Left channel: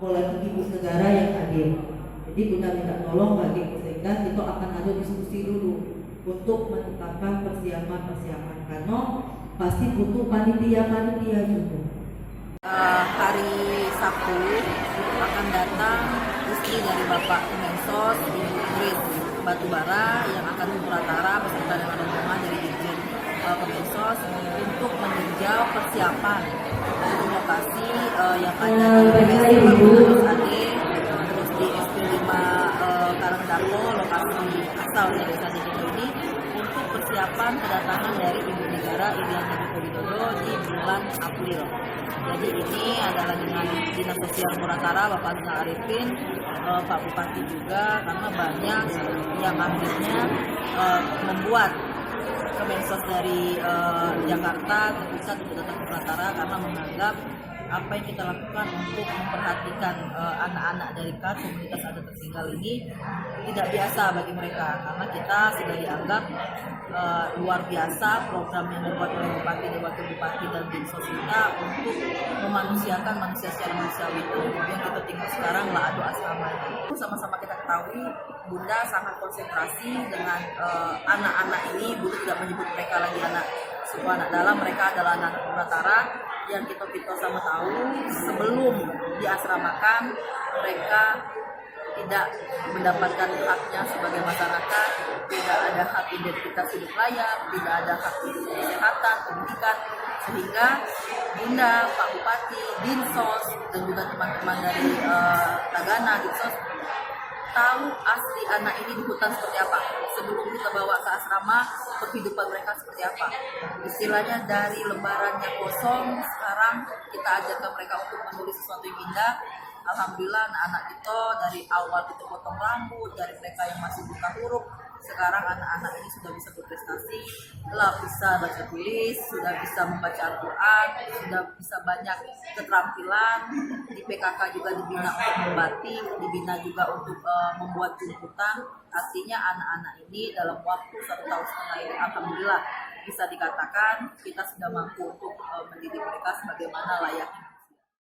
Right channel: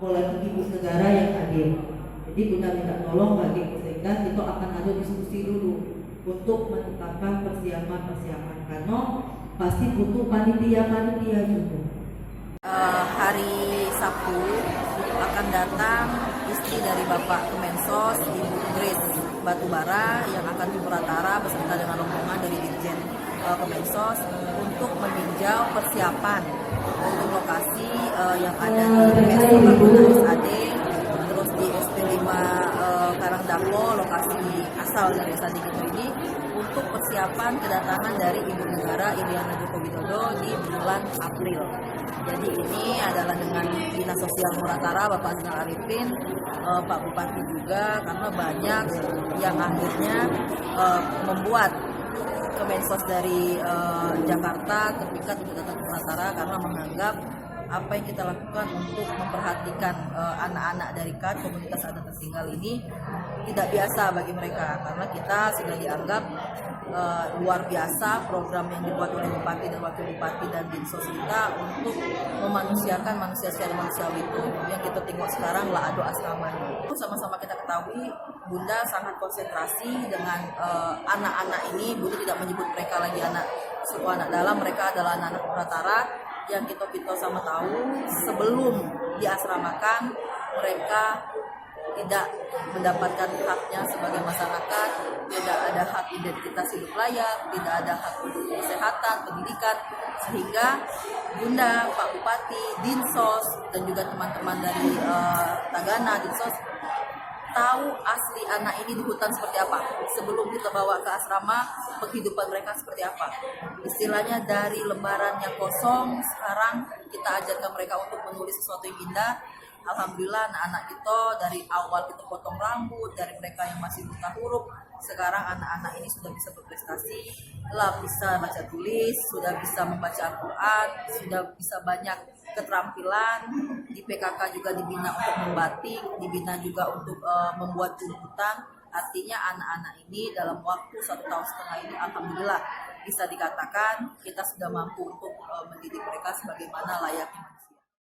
oleh ibu negara yang hadir. Jadi Bunda minta tolong bagi Pusekdas itu akan ada diskusi dulu untuk menetapkan persiapan karena pasti butuh panitia juga. Hari Sabtu akan datang istri dari Bapak Kemensos, Ibu Idris Batubara, yang akan ke Muratara beserta dengan rombongan dari Dirjen Kemensos untuk meninjau persiapan untuk lokasi yang ada di BPS AD, terus di SP5 Karangdako, lokasi asal dari Desa Digito ini, untuk persiapan kedatangan dari Ibu Negara Iriana Joko Widodo di bulan April. Jadi ini adalah dengan Dinas Sosial Muratara, Bapak Rizal Arifin, Pak Bupati juga, karena banyak yang akhirnya membuat Kemensos dari Jakarta terpikat untuk datang ke Muratara karena menganggap apa yang kita lakukan untuk memperhatikan anak-anak dari komunitas adat tertinggal ini tidak biasa bagi mereka, karena kita sudah dianggap luar biasa program yang dibuat oleh Bupati dan Wakil Bupati dan Dinsos kita untuk memanusiakan manusia secara manusiawi. Itu yang kita tengok sekarang lah adu asrama ini. Sama-sama kita ketahui Bunda sangat konsentrasi dengan anak-anak ini. Bunda tidak menyebut mereka lagi anak suku anak dalam, mereka adalah anak-anak Muratara yang kita sama tahu sebelum diasramakan mereka tidak mendapatkan haknya sebagai masyarakat, tidak ada hak identitas hidup layak, tidak ada hak kesehatan, pendidikan, sehingga Bunda, Pak Bupati, Dinsos, dan juga teman-teman dari Tagana, Dinsos, tahu asli anak ini di hutan seperti apa. Sebelum kita bawa ke asrama, penghidupan mereka seperti apa. Istilahnya dari lembarannya kosong, sekarang kita ajarkan mereka untuk menulis sesuatu yang indah. Alhamdulillah anak-anak kita dari awal kita potong rambut, dari mereka yang masih buta huruf, sekarang anak-anak ini sudah bisa berprestasi, bisa baca tulis, sudah bisa membaca Al-Quran, sudah bisa banyak keterampilan. Di PKK juga dibina untuk membatik, dibina juga untuk membuat jemputan. Artinya anak-anak ini dalam waktu 1,5 tahun ini alhamdulillah bisa dikatakan kita sudah mampu untuk mendidik mereka sebagaimana layaknya